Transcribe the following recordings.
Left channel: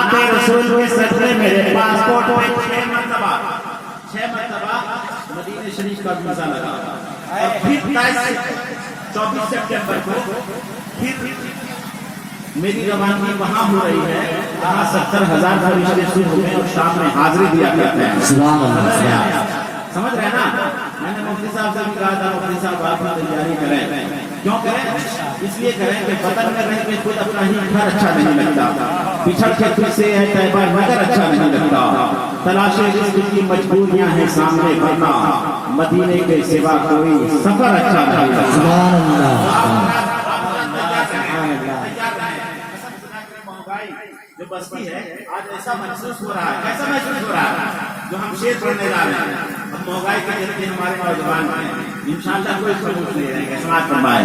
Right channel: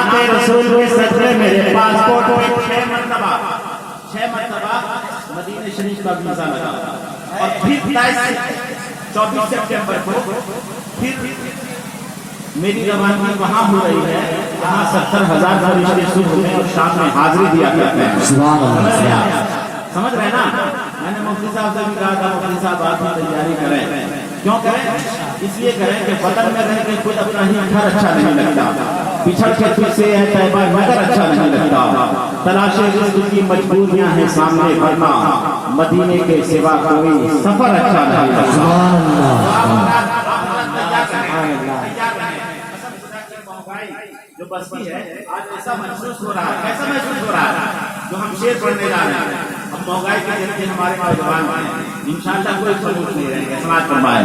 نعت رسول کے صدقے میرے پاسپورٹ پہ 6 مرتبہ مدینہ شریف کا ویزا لگا، اور پھر 24 سپٹمبر کو پھر میری روانگی وہاں ہو رہی ہے جہاں 70,000 فرشتے صبح میں اور شام میں حاضری دیا کرتے ہیں۔ سمجھ رہے ہیں نا؟ میں نے مفتی صاحب سے بھی کہا تھا مفتی صاحب آپ کی تیاری کریں، کیوں کریں؟ اس لیے کریں کہ وطن میں رہ کے خود اپنا ہی گھر اچھا نہیں لگتا، پچھڑ کے پھر سے ہے طیبہ مگر اچھا نہیں لگتا، تلاش رزق کی مجبوریاں ہیں سامنے ورنہ مدینے کے سوا کوئی سفر اچھا نہیں لگتا۔ جو بستی ہے آج ایسا محسوس ہو رہا ہے، کیسا محسوس ہو رہا ہے؟ جو ہم شعر پڑھنے جا رہے ہیں، ہم مہنگائی کے دیکھتے ہمارے نوجوان ہیں، انشاءاللہ کوئی خاموش نہیں رہیں گے۔ سماعت فرمائیں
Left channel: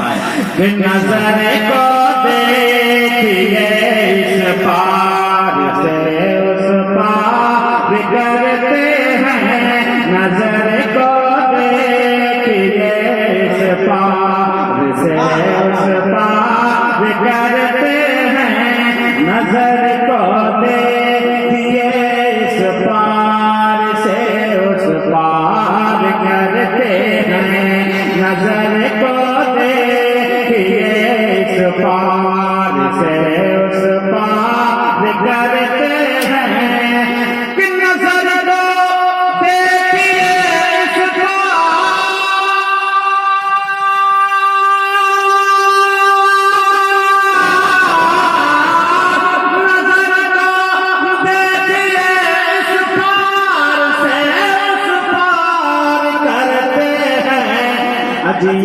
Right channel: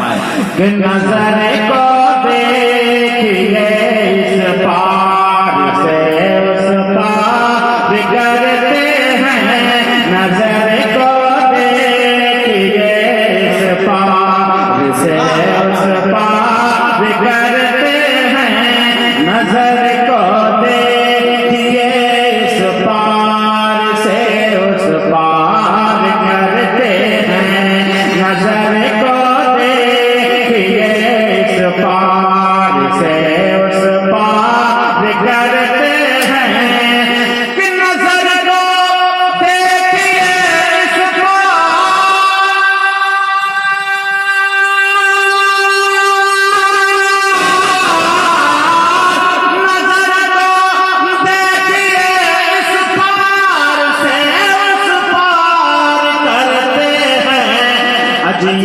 کہ نظر کو دیکھیے اس پار سے اس پار کرتے ہیں، نظر کو دیکھیے اس پار سے اس پار کرتے ہیں، نظر کو دیکھیے اس پار سے اس پار کرتے ہیں، نظر کو دیکھیے اس پار سے اس پار کرتے ہیں، کہ نظر کو دیکھیے اس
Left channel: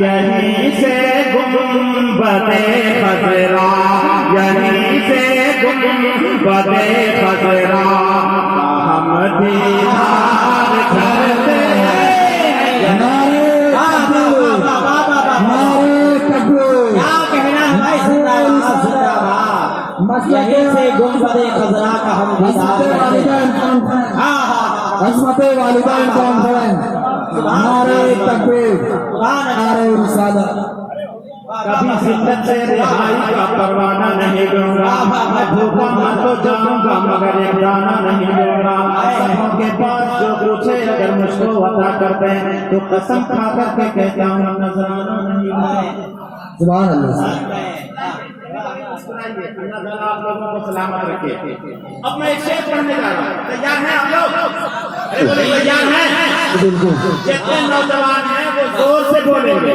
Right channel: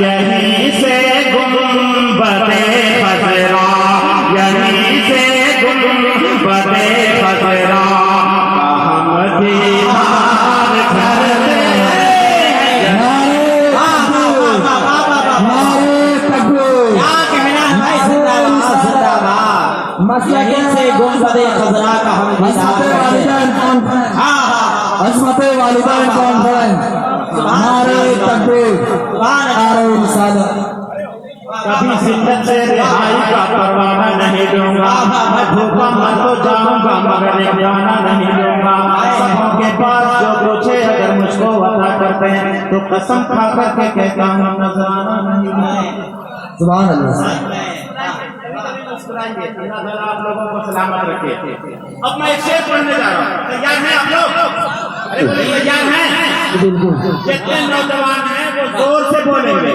یہیں سے گنبد خضرا، یہیں سے گنبد خضرا ہم دیدار کرتے ہیں۔ یہیں سے گنبد خضرا کا ہم دیدار کرتے ہیں۔ عظمت والدین کانفرنس، نعرہ تکبیر، نعرہ رسالت۔ کبھی زندت سے رہائی کا پروانہ نہیں دوں گا، میں بھوکا مر تو جاؤں گا مگر ایک جانا نہیں دوں گا۔ سبوں کے پاس جو پوچھے اگر مجھ کو عطا کرتے ہیں تو قسم کھا کر کے کہتا ہوں نذرانہ نہیں دوں گا۔ سبحان اللہ۔ آپ لوگوں کو سلامت رکھے۔ اب میں ایک شعر پڑھنے جا رہا ہوں، تیار ہیں آپ لوگ؟ تیار ہیں؟ جتنے نوجوان ہیں وہ زور سے بولیں گے،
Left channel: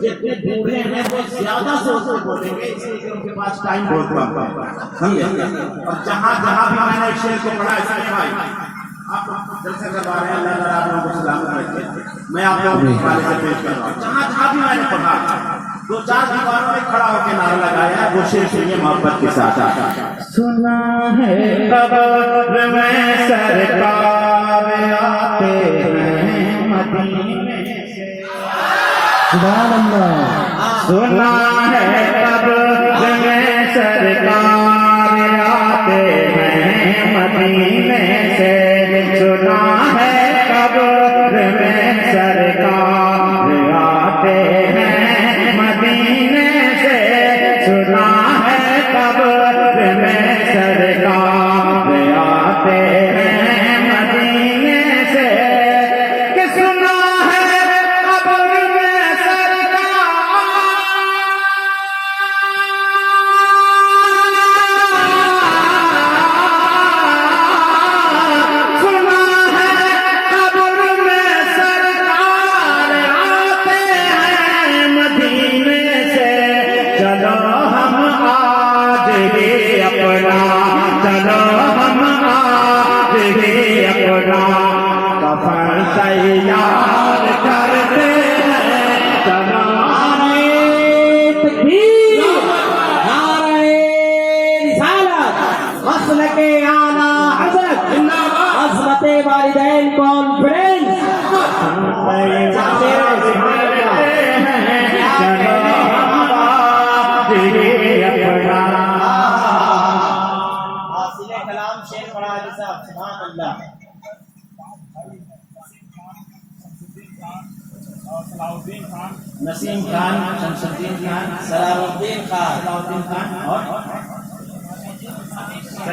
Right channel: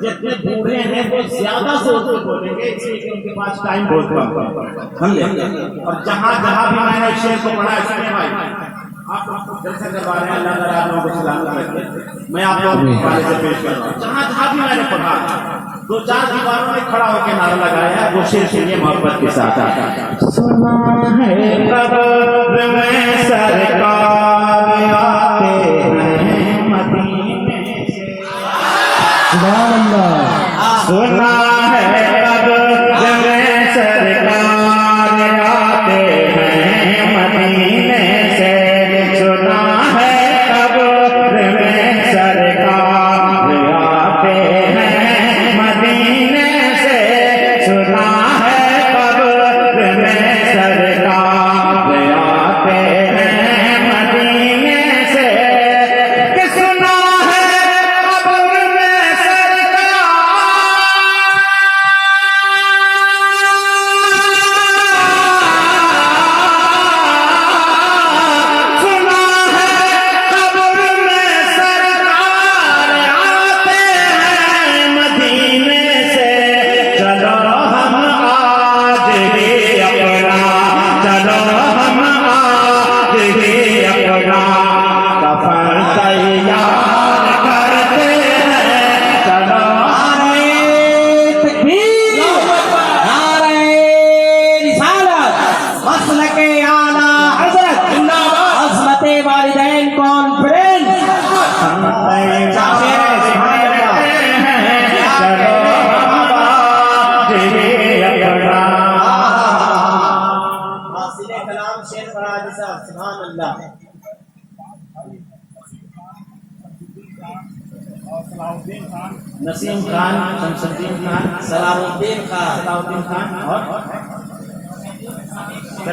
جتنے بوڑھے ہیں وہ زیادہ زور سے بولیں گے، اس لیے کہ ان کے پاس ٹائم بہت کم ہے۔ اور جہاں جہاں بھی میں نے شعر کو پڑھا اس میں بھائی آپ جلسے کروا رہے ہیں، اللہ تعالیٰ آپ لوگوں کو سلامت رکھے۔ میں آپ لوگوں کے حوالے سے پیش کر رہا ہوں، جہاں جہاں بھی میں نے پڑھا 2-4 دیواروں میں کھڑا ہو کے نعرہ لگایا، وہ شعر سے یہ محبت کے ساتھ آتا ہے۔ سنا ہے قبر میں سرکار آتے ہیں مدینے سے، سبحان اللہ۔ سنا ہے قبر میں سرکار آتے ہیں مدینے سے، سنا ہے قبر میں سرکار آتے ہیں مدینے سے، سنا ہے قبر میں سرکار آتے ہیں مدینے سے، کہ سنا ہے قبر میں تیار کرتے ہیں، چلو مسلک اعلیٰ حضرت عظمت والدین کانفرنس۔ حاصل کلام شیخ فرحات صاحب، سبحان اللہ۔ نسیم خان، شمس الدین خان، صلاح الدین خان، صلاح الدین خان اور